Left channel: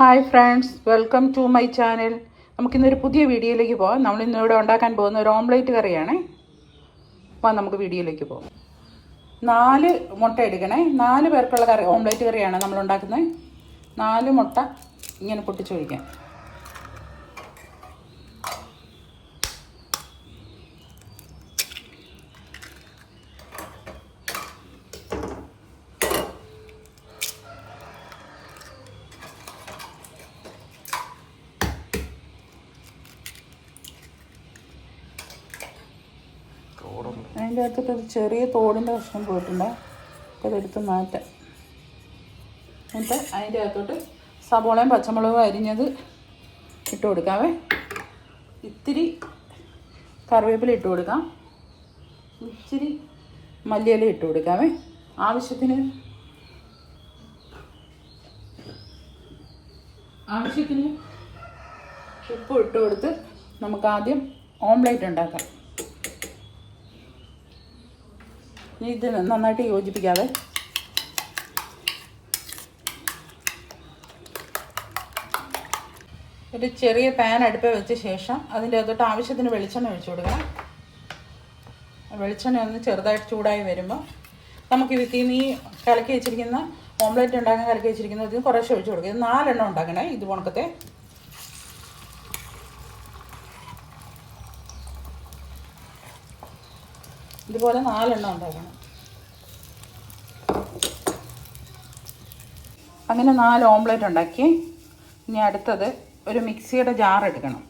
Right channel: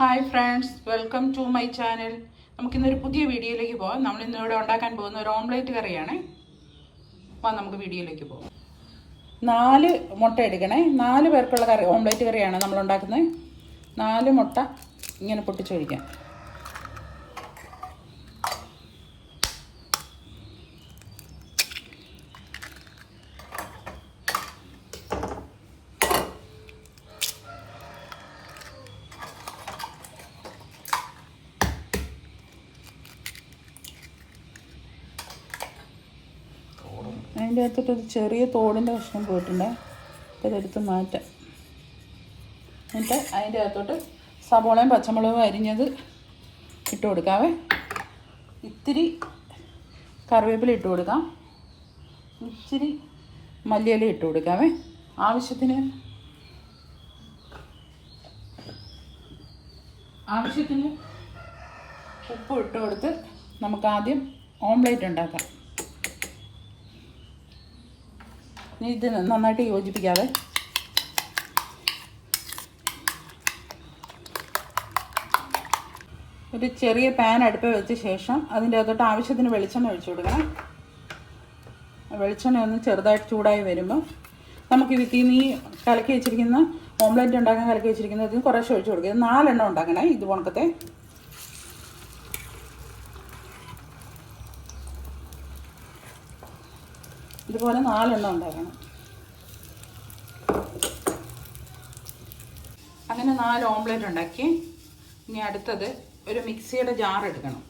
Hi friends welcome to my channel നമുക്കിന്നൊരു പുതിയ വീഡിയോയിലേക്ക് പോകാം നമ്മൾ ഇന്നിവിടെ ഉണ്ടാക്കാൻ പോകുന്ന ഒരു ഓംലേറ്റ് കറിയാണ്. വാ നമുക്ക് വീഡിയോയിലേക്ക് പോകാം നാല് മുട്ട എടുക്കണേ. നാല് പേർക്കുള്ള കറി ഓംലേറ്റ് കറിയാണ് നമ്മൾ ഉണ്ടാക്കുന്നത്. നാല് മുട്ട ഇങ്ങനെ പൊട്ടിച്ചൊഴിക്കാം. അതിന്റെ അകത്തൊക്കെ ഒരു ചെറിയ തോടിന്റെ കഷ്ണം പോയിട്ടുണ്ട്. ഇതെടുത്ത് മാറ്റാം. എന്നിട്ട് അതിന്റെ അകത്തോട്ട് സബോളയും പച്ചമുളകും അരിഞ്ഞത് ഇട്ട് കൊടുക്കാവേ. ഇത്തിരി കറിവേപ്പില ഇട്ട് കൊടുക്കാം. ഇച്ചിരി മല്ലിയില ഇട്ട് കൊടുക്കാവേ. ആവശ്യത്തിന് ആവശ്യത്തിന് ഉപ്പ് ഇട്ട് കൊടുത്ത് നമുക്ക് ആദ്യം ഓംലേറ്റ് ഉണ്ടാക്കാം ഇനി ഇത് നന്നായിട്ട് യോജിപ്പിക്കാതെ ഒരു ചെറിയ പാൻ അടുപ്പ് വെച്ച ശേഷം അതിന്റെ അകത്തോട്ട് ആവശ്യത്തിന് വെളിച്ചെണ്ണ ഒഴിച്ചു കൊടുക്കാം. വെളിച്ചെണ്ണ ഒന്ന് ചെറുതായിട്ട് ചൂടായി വരുമ്പോൾ നമുക്ക് ഇതിൽ ഈ കലക്കി വെച്ചിരിക്കുന്ന ഓംലെറ്റ് ഉണ്ടാക്കാൻ കലക്കി വെച്ചിരിക്കുന്നത് കുറേശ്ശെ ഒഴിച്ചു കൊടുക്കുക ഇത് നാലെണ്ണം ഉണ്ടാക്കണേ ഇത് പോണക്കത്തെ ഇതുപോലെ നാലെണ്ണം ഉണ്ടാക്കണം. അങ്ങനെ നാല് ഓംലെറ്റ് ഉണ്ടാക്കി. ഇനി അടുത്തത് ഒരു മിക്സിയുടെ ജാർ എടുക്കണം.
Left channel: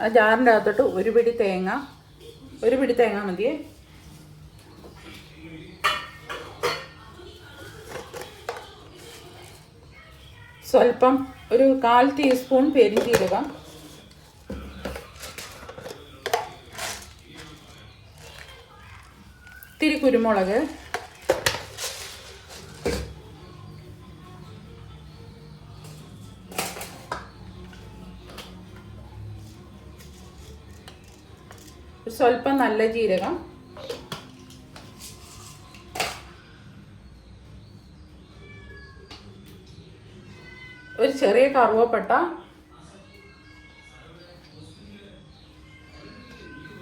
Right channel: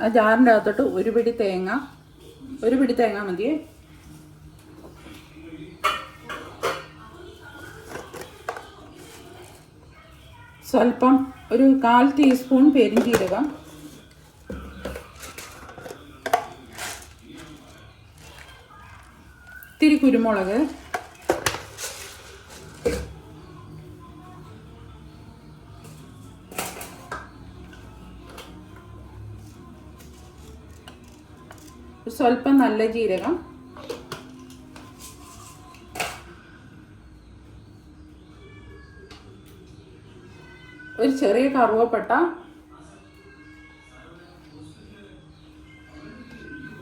ആ ജാറിന്റെ അകത്തോട്ട് ഒരു പിടി തേങ്ങ ഒരു പിടി തേങ്ങ മതിയേ സ്വല്പം ഒരു കാൽ ടീസ്പൂൺ പെരിഞ്ചീരകം ഇത്തിരി കുരുമുളക്. സ്വല്പം നല്ല ജീരകം. ഒരു ചെറിയ കറുവപ്പട്ട.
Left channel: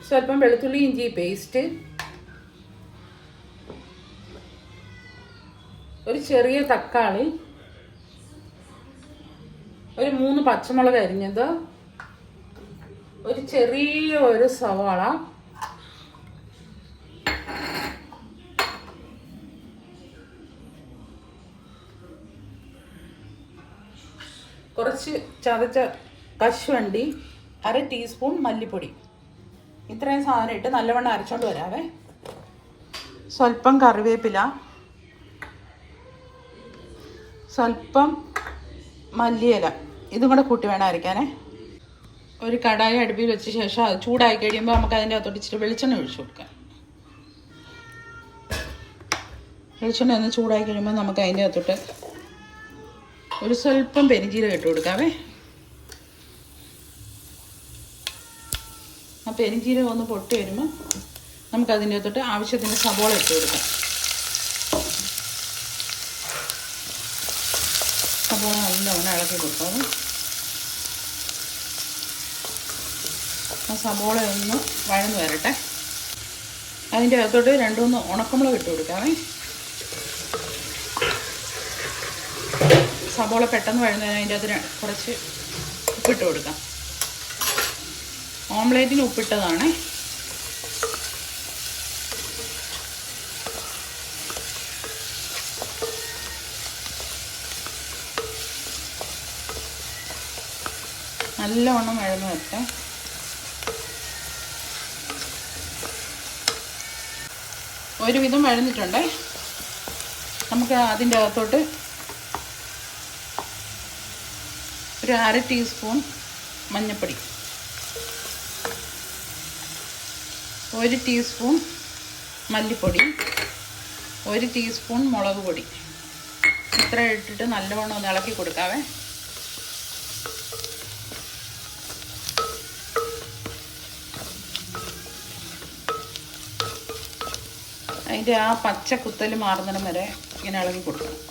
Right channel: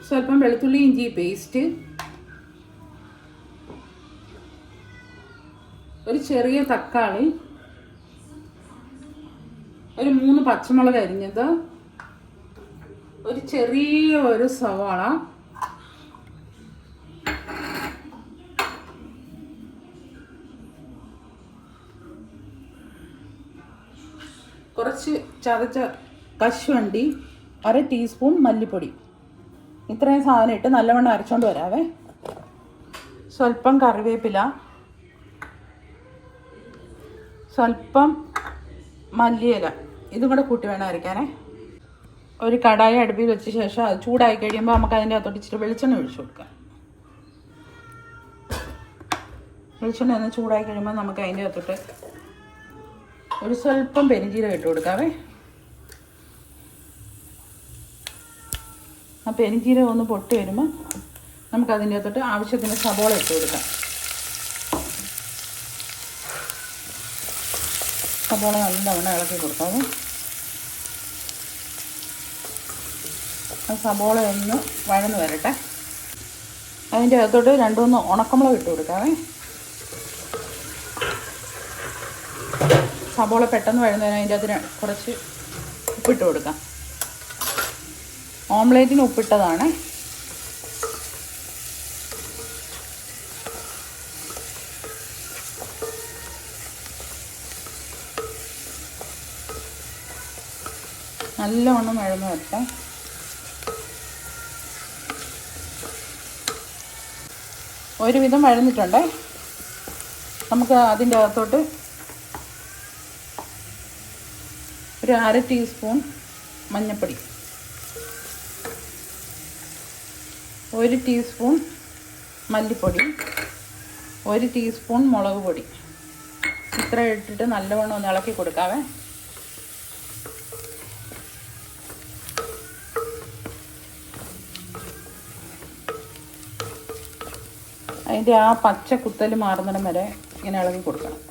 സ്വല്പം വെളുത്തുള്ളി ഇഞ്ചി പേസ്റ്റ്. ഒരു ചെറിയ തക്കാളി ഒരു മൂന്ന് പച്ചമുളക് അരിഞ്ഞത് ഒരു ചെറിയ ഒരു സവാള കുറച്ച് ചതച്ച കശുവണ്ടി അര ടീസ്പൂൺ മല്ലിപ്പൊടി. ഇത്രയും സാധനം ഇട്ട് നല്ലവണ്ണം അരച്ചോണ്ട് വരാവേ. സ്വല്പം കറിവേപ്പില. സ്വല്പം മല്ലിയില. ഇതും കൂടെ കൂട്ടി വേണം അരയ്ക്കാനേ ഒരു കടായി അടുപ്പിൽ വെച്ച ശേഷം അത് ചൂടായി കഴിയുമ്പോൾ നമുക്ക് അതിന്റെ അകത്തോട്ട് ഇച്ചിരി വെളിച്ചെണ്ണ ഒഴിച്ചു കൊടുക്കാം. വെളിച്ചെണ്ണ ഒന്ന് ചൂടായി കഴിയുമ്പോൾ നമുക്ക് അതിന്റെ അകത്തോട്ട് ഒരു സ്വല്പം പെരിഞ്ചീരകം ഇട്ട് കൊടുക്കാവേ. ആ പെരിഞ്ചീരകം ഒന്ന് പൊട്ടി വരുമ്പോൾ നമുക്കതിന്റെ അകത്തോട്ട് ആവശ്യത്തിന് സബോള ഇട്ട് കൊടുക്കാം. സബോള നല്ലവണ്ണം ഇളക്കി കൊടുക്കാവേ ആ സബോള ഒന്ന് വഴന്ന് വരട്ടെ. അതിന്റെ അകത്തോട്ട് രണ്ട് മൂന്ന് ഉണക്കമുളക് ഇട്ട് കൊടുക്കാവേ. സബോള പെട്ടെന്ന് വഴുന്നതിന് അതിന്റെ അകത്ത് കുറച്ച് ഉപ്പിട്ട് കൊടുക്കാം. ഓംലേറ്റിന് ഉപ്പിട്ടതാണ്. നല്ലവണ്ണം വഴന്ന് വരട്ടെ. ഒരുവിധം വഴന്നിട്ടുണ്ടേ. നമുക്ക് അതിന്റെ അകത്തോട്ട് ഒരു അര ടീസ്പൂൺ മഞ്ഞൾപ്പൊടി ഒരു ടീസ്പൂൺ മല്ലിപ്പൊടി. ഒരു ടീസ്പൂൺ മുളക് പൊടി. ഇത്ര ഇട്ടിട്ട് നല്ലവണ്ണം ഒന്ന് ഇളക്കി കൊടുക്കാവേ. അതിന്റെ ആ പച്ച കുത്തൽ മാറുന്നിടം വരെ ഇങ്ങനെ ഇളകി കൊടുക്കണം.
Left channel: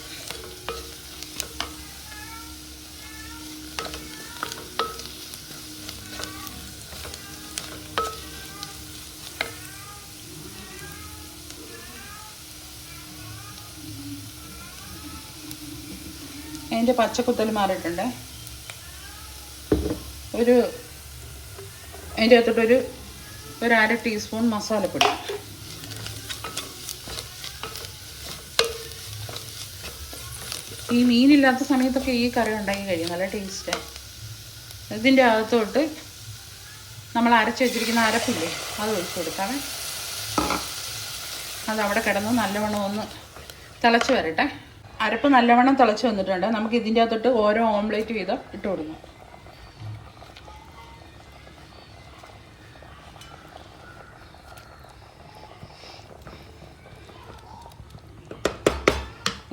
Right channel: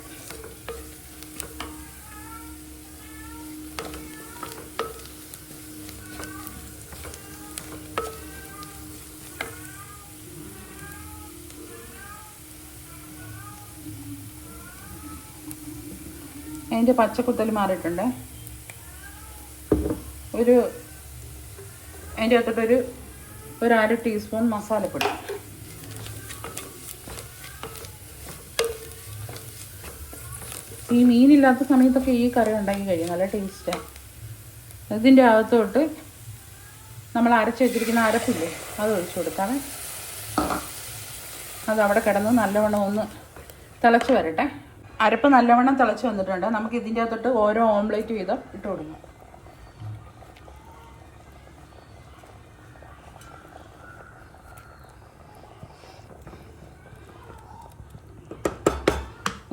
അതിന്റെ പച്ചക്കുത്തൽ മാറിയിട്ടുണ്ട്. ഒരു അതിന്റെ അകത്തോട്ടൊരു ഒരു അര ടീസ്പൂൺ മസാലപ്പൊടി. ഈ മീനില്ലാത്ത സമയത്തൊക്കെ ഈ കറി ഉണ്ടാക്കി കഴിയും. നല്ല ടേസ്റ്റാണ് ഇതിന്റെ അകത്തോട്ട് നമ്മൾ അരച്ച് വെച്ചിരിക്കുന്ന അരപ്പില്ലേ അത് ഒഴിച്ചു കൊടുക്കാമേ അത് അവിടെ കിടന്ന് നല്ലവണ്ണം ഒന്ന് തിളച്ച് വരട്ടെ. അരപ്പ് നല്ലവണ്ണം തിളച്ച് വന്നിട്ടുണ്ട്. നമുക്ക് ഇതിന്റെ അകത്തോട്ട് ഓരോ ഓംലേറ്റ് വീതം ഇട്ട് കൊടുക്കാം.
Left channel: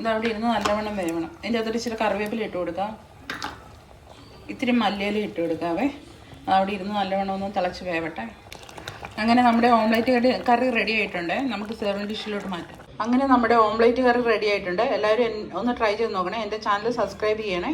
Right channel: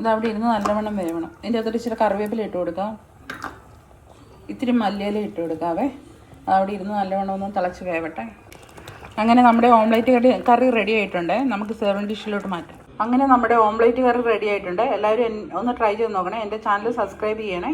ഇത് അവിടെ ഇരുന്ന് നല്ലവണ്ണം വേവണം. അതിന്റെ അകത്തോട്ട് ഇച്ചിരി കറിവേപ്പില ഇട്ട് കൊടുക്കാം. ഇത്തിരി മല്ലിയില ഇട്ട് കൊടുക്കാവേ. അവിടെ ഇരുന്ന് നല്ലവണ്ണം ഒന്ന് തിളച്ച് വേവട്ടെ. അങ്ങനെ നമ്മുടെ ഓംലേറ്റ് കറി കറി റെഡി ആയിട്ടുണ്ട്. നമുക്ക് സെർവിങ് ഡിഷിലോട്ട് മാറ്റാം. അങ്ങനെ നമ്മുടെ ഓംലേറ്റ് കറി റെഡി ആയിട്ടുണ്ട്. എല്ലാവരും ഒന്ന് ട്രൈ ചെയ്ത് നോക്കണേ. എന്റെ ചാനൽ സബ്സ്ക്രൈബ് ചെയ്യണേ.